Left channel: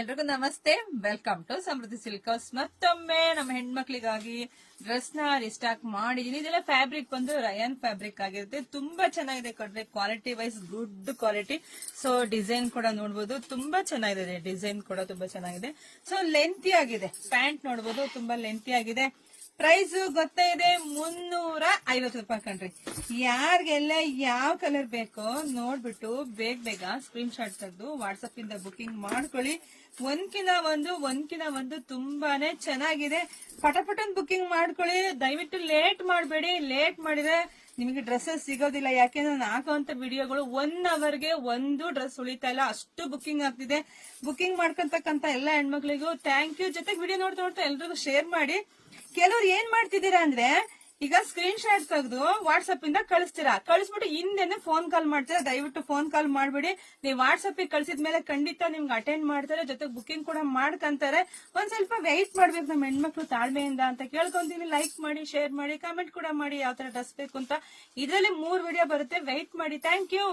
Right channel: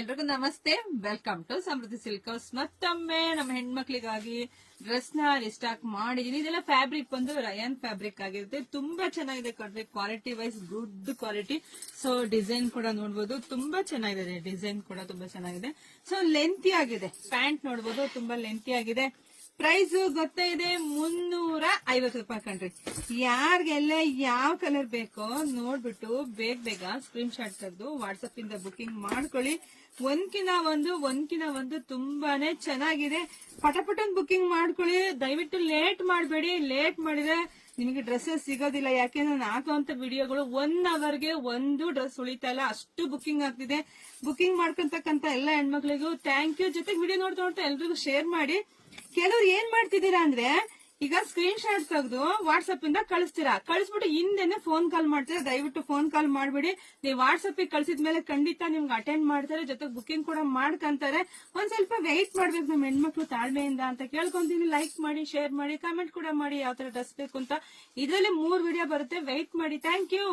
ಎಲ್ರಿಗೂ ನಮಸ್ತೆ. Welcome to Samruddhi silk house. ಮತ್ತೊಮ್ಮೆ ನಮ್ಮ ಹೆಣ್ಮಕ್ಳಿಗಾಗಿ ಡ್ರೆಸ್ ನ ರಿಸ್ಟಾಕ್ ಮಾಡಿದೀನಿ. ಇದೆಲ್ಲ ಫ್ಯಾಬ್ರಿಕ್ ಬಂದು ರಯಾನ್ ಫ್ಯಾಬ್ರಿಕ್ ಆಗಿರುತ್ತೆ. ತುಂಬಾ ಚೆನ್ನಾಗಿದೆ ಕಡ್ರೆ, quality wise good quality. So design ಕೂಡ ನೋಡಬಹುದು, ತುಂಬಾ ಚೆನ್ನಾಗಿದೆ. ಡಿಸೈನ್ ಕೂಡ ತುಂಬಾ ಚೆನ್ನಾಗಿದೆ. ಸೊ ಲೆಂತಿ ಆಗಿದೆ. ಪ್ಯಾಂಟ್ ನೋಡಬಹುದು, ತುಂಬಾ ಲೆಂತಿ ಆಗಿದೆ. ಪ್ರೈಸ್ ಗೊತ್ತೇ ಇದೆ, 350 ರೂಪಾಯಿ ಕಂಡ್ರಿ. ಯಾರಿಗೆಲ್ಲ ಯಾವ ಕಲರ್ ಬೇಕೋ ನೋಡ್ಬಿಟ್ಟು ಬೇಗ ಸ್ಕ್ರೀನ್ ಶಾಟ್ ತೆಗೆದು ವಾಟ್ಸ್ಆಪ್ ಇಂದ ಬುಕಿಂಗ್ ಮಾಡ್ಕೊಳ್ಳಿ. ಒಂದ್ಕಿನ ಒಂದು ತುಂಬಾನೇ ಚೆನ್ನಾಗಿದೆ. ಪಟಪಟನ್ ಬುಕಿಂಗ್ ಮಾಡ್ಕೊಳ್ಳಿ. ದಯವಿಟ್ಟು ಲೇಟ್ ಮಾಡಬೇಡಿ. ಲೇಟ್ ಮಾಡಿದ್ರೆ ನಿಮಗೆ ಡ್ರೆಸ್ಸಸ್ ಸಿಗೋದಿಲ್ಲ. ಯಾಕೆಂದ್ರೆ ನಾನು ಹಾಕುವಂತ ವಿಡಿಯೋಗಳು 1 ಅವರ್ಗೆ ಒಂದು ಡ್ರೆಸ್ ಉಳಿತಾ ಇಲ್ಲ, ಅಷ್ಟು ಬುಕಿಂಗ್ ಆಗ್ತಿದೆ. ಬುಕಿಂಗ್ ಮಾಡ್ಕೊಂತಕ್ಕಂತ ಎಲ್ಲ ಹೆಣ್ಮಕ್ಳಿಗೂ ಥ್ಯಾಂಕ್ ಯು. ಜೊತೆಗೆ ವಿಡಿಯೋ ನೋಡ್ತಾ ಎಲ್ರಿಗೂ ಶೇರ್ ಮಾಡಿ. ಕೆಲವ್ರು ಏನ್ ಮಾಡ್ತಿದ್ದೀರಾ ಅಂದ್ರೆ, ಈಗ ಸ್ಕ್ರೀನ್ ಶಾಟ್ ತೆಗೆದು ವಾಟ್ಸ್ಆಪ್ ಇಂದ ಕಳಿಸ್ತೀರಾ, ಕಳಿಸ್ಬಿಟ್ಟು ಹಿಂದೆನೆ ಫೋನ್ ಕಾಲ್ ಮಾಡ್ತೀರಾ. ದಯವಿಟ್ಟು ಫೋನ್ ಕಾಲ್ ಮಾಡ್ಬಿಡಿ. ನೀವು ವಾಟ್ಸ್ಆಪ್ ಕಳಿಸಿದ್ಮೇಲೆ ಖಂಡಿತ ನಿಮ್ಗೆ ಅಟೆಂಡ್ ಮಾಡ್ತಾರೆ, ಜೊತೆಗೆ ಬುಕಿಂಗ್ ಕೂಡ ಮಾಡ್ಕಂತಾರೆ. ಒಂದ್ ಸ್ವಲ್ಪ ವೆಯ್ಟ್ ಮಾಡ್ಬೇಕು ನಮ್ಮ ಹೆಣ್ಮಕ್ಳು ತಾಳ್ಮೆಯಿಂದ ಅಂತ ಕೇಳ್ಕೊಂತೀನಿ. ಲೈಕ್ ಮಾಡಿ, ಶೇರ್ ಮಾಡಿ, ಕಾಮೆಂಟ್ ಕೂಡ ಮಾಡಿ ಯಾವ ತರ ಡ್ರೆಸ್ ಬೇಕು ಅಂತ. ಇದರಲ್ಲಿ 3 ವಿಡಿಯೋ ಬರುತ್ತೆ, ವೆಯ್ಟ್ ಮಾಡಿ. Thank you.